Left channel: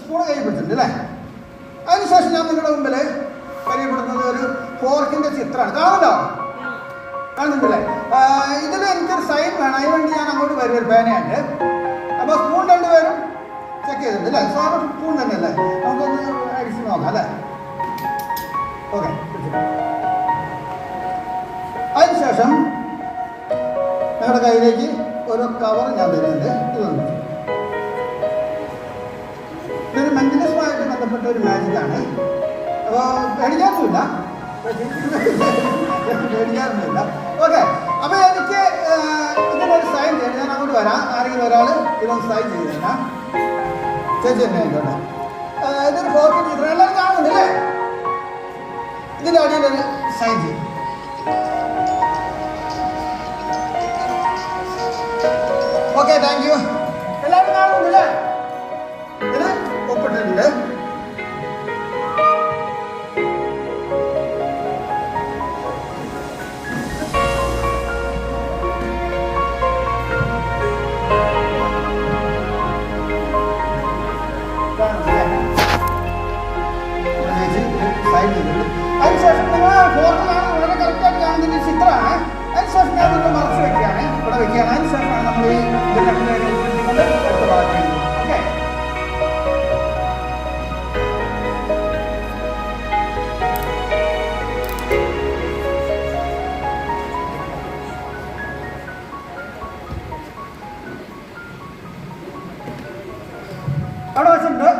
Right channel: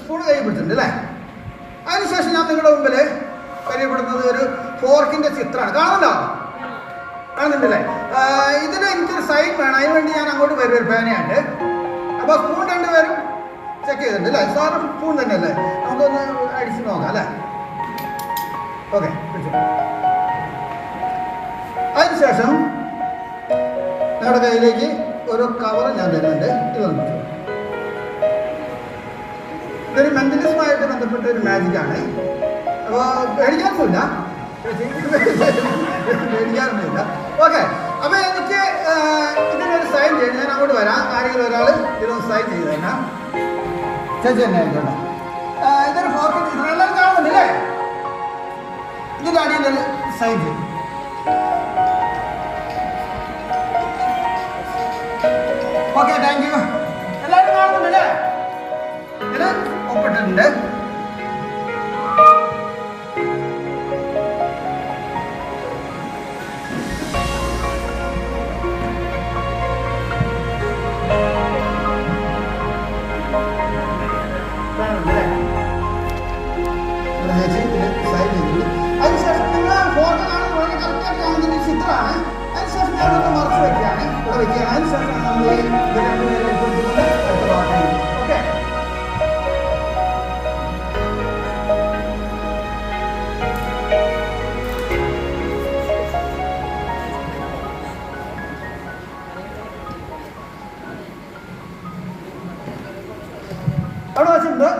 Spoon കൈ പിടിച്ചിട്ടുണ്ട് അല്ലേ? അതിനുശേഷം ഞാൻ നിങ്ങളുടെ മുമ്പിൽ പരിചയപ്പെടുന്നത് ഒരു ഫോർക്കിൻ്റെ ചിത്രമാണ്. കാണുന്നുണ്ടല്ലേ? ഇതിന് എനിക്കൊരു സൈൻ വേണം. അതിന് വേണ്ടി ഞാൻ അങ്ങോട്ട് വരും ഒരു പേനയുണ്ട്. അപ്പോൾ സ്പൂൺ രണ്ടുപേരും ചെക്ക് ചെയ്തിട്ടുണ്ട് അല്ലേ? സാറ് സ്പൂൺ തന്നെയല്ലേ? നമുക്കൊന്ന് അടിച്ച് നോക്കാം അല്ലേ? ഓക്കെ. അതിനുശേഷം നിങ്ങളുടെ കയ്യിലേക്ക് ഒരു കവർ ഞാൻ തരുന്നുണ്ട്. ഇതൊരു മെന്റലിസമായിട്ട് ബന്ധപ്പെട്ട ഒരു മാജിക്കാണ്. അപ്പോൾ പേടിക്കാറൊന്നുമില്ല. ഓക്കെ. അപ്പോൾ എനിക്ക് ഇതിനൊരു സൈൻ ചെയ്യണം. ഞാൻ അങ്ങോട്ട് വരാം. ആരെങ്കിലും ഒരാൾ ഇതൊന്ന് സൈൻ ചെയ്ത് തരാം. ചേച്ചി തന്നെ ആയിക്കോട്ടെ. ഇതൊരു ഫോട്ടോ ചിത്രം എല്ലാവരും കാണുന്നുണ്ടല്ലേ? ഇതിൻ്റെ അടിയിൽ തന്നെ സൈൻ ചെയ്യും. Okay, thank you. എല്ലാവരും കാണുന്നുണ്ടല്ലേ? ഇത് ഒപ്പിട്ടിട്ടുണ്ട്. അതിനുശേഷം നിങ്ങൾ ഫോട്ടോ കാണുന്നത് വളരെ കറക്റ്റായിട്ട് കാണുന്ന ചിത്രമാണ്. അതിനുശേഷം ഞാൻ നിങ്ങൾ മറച്ചു വെക്കുകയാണ്, ഇവിടെ വെക്കുകയാണ്. അതിനുശേഷമാണ് നമ്മൾ ഓക്കെ. അവിടെ വെച്ചിട്ടുണ്ട്.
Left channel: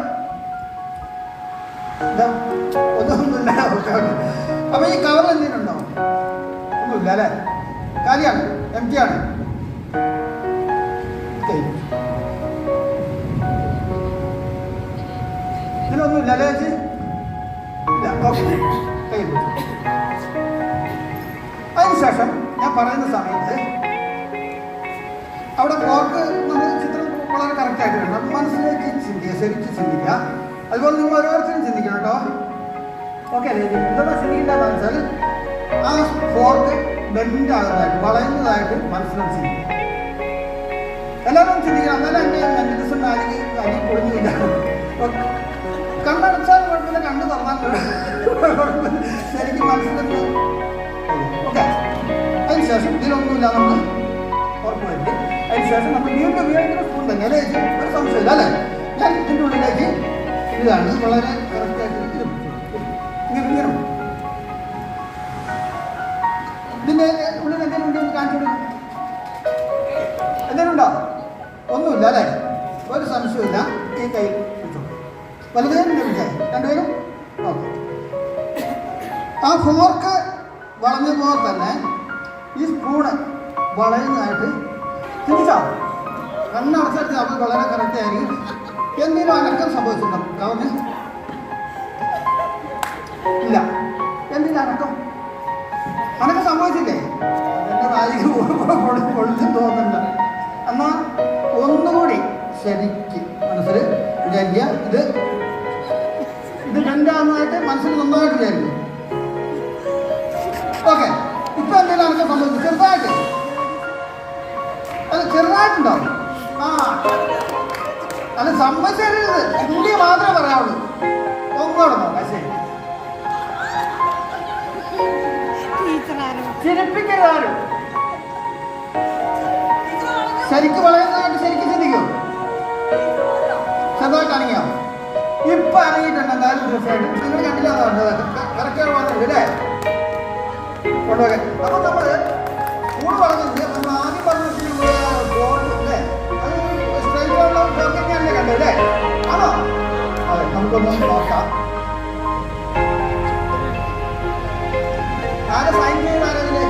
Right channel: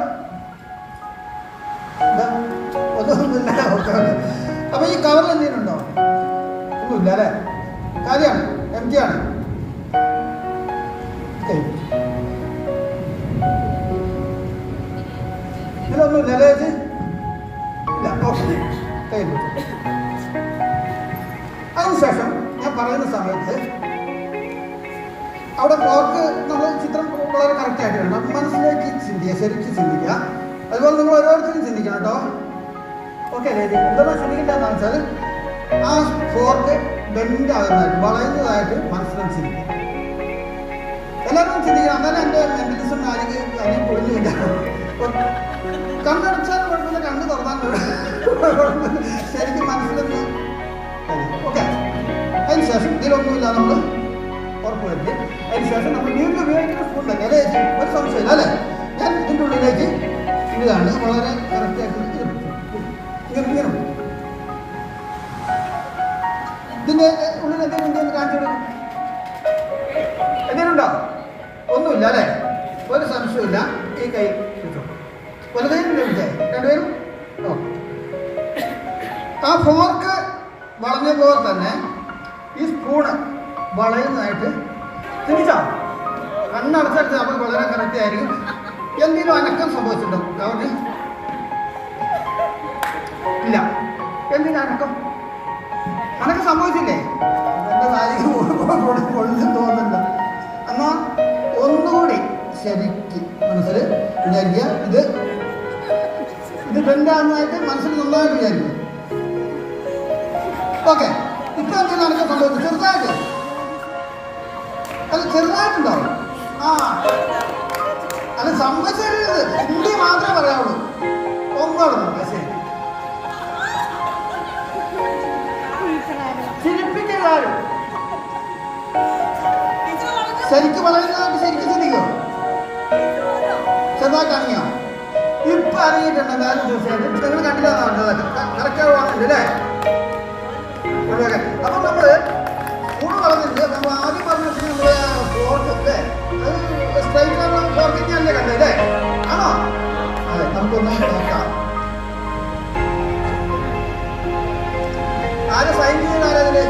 അപ്പൊ ഈ കവർ എന്തെങ്കിലും ഉണ്ടോ? ഒന്നുമില്ല അല്ലേ? കാര്യമാണ്, എം ടി ആണ്. ഇതിലൊന്നുമില്ല അല്ലേ ചേച്ചി? ഇല്ല. ഓക്കെ. അതിനുശേഷം ഞാൻ പറയുന്ന സമയത്ത് അവിടെ ഫോർക്ക് നമ്മൾ ചിത്രം വളരെ കറക്റ്റായിട്ട് വേണം. മനസ്സിലേക്ക് ചിന്തിക്കുക, ശരിക്കും ചിന്തിക്കുക. അതുപോലെ നിങ്ങൾ ഓരോരുത്തരും ചിന്തിക്കണം കേട്ടോ. ഓക്കെ അല്ലേ? ഇതൊന്നും ശ്രമിക്കേണ്ടതെന്ന് വെച്ചാൽ ആ ഫോർക്ക് ബെൻഡാകുന്നതായിട്ട്, വളയുന്നതായിട്ട് മനസ്സിലും ചിന്തിക്കുക. എല്ലാവരും ചിന്തിക്കണം. എന്നാലും എൻ്റെ മെന്റലിസം ആരെങ്കിലും അല്ലെങ്കിൽ പൊളിഞ്ഞില്ല. കണ്ണടച്ചാൽ കുഴപ്പമില്ല, കണ്ണ് തുറന്നാൽ ശരിക്കും മനസ്സിലൊന്ന്. ഓക്കെ. അതിനുശേഷം ഇതിലൊന്നുമില്ല നമ്മൾ ഉറപ്പുവരുത്തി. അതിനുശേഷം നമ്മൾ വീണ്ടും സ്പൂൺ തന്നെ അല്ലേ? ഒരു സംശയമില്ല അല്ലേ? ഞാൻ ഇതിൻ്റെ ഉള്ളിലേക്ക് ഇതാണ് വളരെ കറക്റ്റായിട്ട് ഇങ്ങനെ ഇതിൻ്റെ ഉള്ളിൽ എന്തെങ്കിലും കാണിച്ചു കൊടുക്കും. എന്തെങ്കിലുണ്ടോ? ഒന്നുമില്ല അല്ലേ? ഒരു സംശയമില്ല. ഈ കൈ വലതേലും ലഭിച്ചേ രണ്ടുപേരും. ഓക്കെ. ആ ഫോർക്ക് വളഞ്ഞ പോലെ തന്നെ ഈ സ്പൂണ് വളയുന്നതായിട്ട് തിരിച്ചാ അണ്ണടച്ചടിച്ച് നമ്മൾ വളരെ കറക്റ്റ് ആയിരിക്കും. എന്തെങ്കിലും അനക്കം സംഭവിച്ചിട്ടുണ്ടോ കവറിന്? ഇല്ല. എന്തിനാ അനക്കം? അനക്കം സംഭവിച്ചില്ലേ? എൻ്റെ നായിക പൊളിച്ച് തോന്നുന്നുണ്ട്. എന്നാൽ ഒന്നുകൂടി ശരിക്ക് മനസ്സിൽ വിചാരിക്കുക. ഇത് ബെൻഡാകുന്നതായിട്ട് മനസ്സിൽ നന്നായിട്ട് വിചാരിക്കും. ഓക്കെ. ഇപ്പം എന്തെങ്കിലും അനക്കം സംഭവിച്ചു? ചെറുതായിട്ട്. അത് ചെറുതായിട്ടുണ്ടാവും. ആ അത് സംഭവിച്ചത് ഇന്ത്യ മാത്രമേ പറയാവുള്ളൂ. ഒന്നോടെ നോക്കാം. ശരി. ചിരിപ്പിക്കാരും ശരിക്കും വളരുന്നതായിട്ട് ശരിക്കും ചിന്തിക്കും. ചെറുതായിട്ട് അണങ്ങിയോ? ഇപ്പൊ അറിയിട്ടുണ്ട് എന്തായാലും തീർച്ചയായിട്ടും. നിങ്ങൾ കണ്ടില്ലാന്ന് പറഞ്ഞത് കറക്റ്റ് വന്നിട്ടുണ്ട് അല്ലേ? കൊണ്ടുപോകാൻ. അപ്പൊ നമ്മള് സ്പൂൺ വളർന്നിട്ട് നമ്മൾ ആദ്യം പറഞ്ഞിട്ട് നമ്മള് ഫോർക്ക് അല്ലേ? സ്ട്രൈറ്റിലുള്ള ഫോർക്ക് ഞാനല്ലേ കണ്ടല്ലേ? ആണോ? അതെ. നമുക്കൊന്നും നോക്കാം. ആര് സൈൻ ചെയ്ത് ആരതില്